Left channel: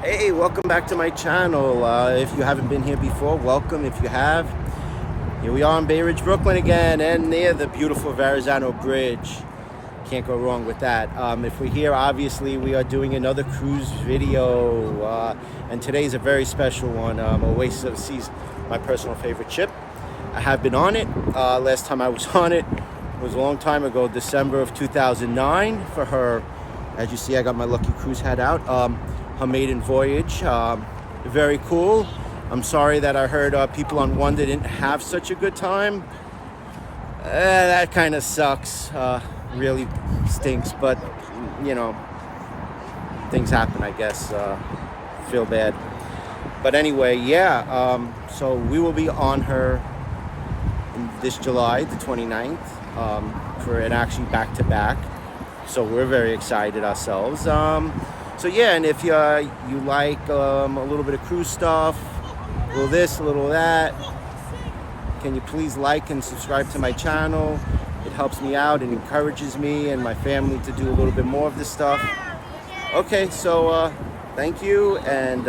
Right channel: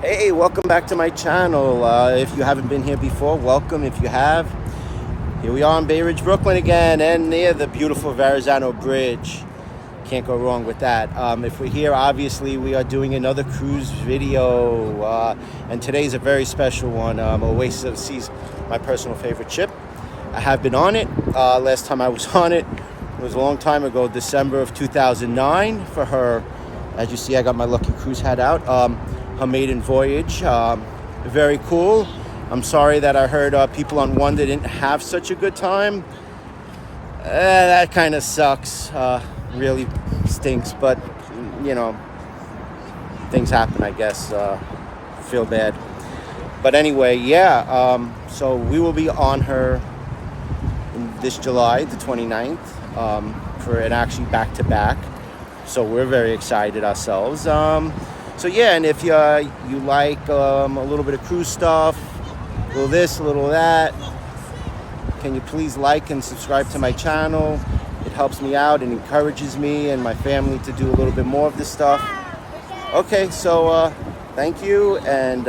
Hey, welcome back to my channel. If you haven't been here before, welcome. If you have, here we are in Bay Ridge, Brooklyn again, and near the beautiful Verrazano Bridge. Can't go wrong with that. If we're here, obviously we are doing another cruise video, and today's a very special one. Oasis is my personal favorite ship. I have been on it. Last time I was on it was a long time ago, December of 2009, for her. As you see, I got my lucky cruise hat out. Her maiden voyage. Very cool. I'm sorry that I heard people on Wonder didn't have such a good time. That kind of sucks. Really stinks, but you know, things happen, I guess. Feel bad. But anyway, yeah, so we will be on her in this July, the 29th, for an actually back-to-back. So we're very excited ourselves. So yeah, and if you like a little bit of cruise stuff, a little this, a little that, can you please like and subscribe to my channel? It helps me out and encourages me and my family to do a little bit more of this stuff. Okay, so thank you, and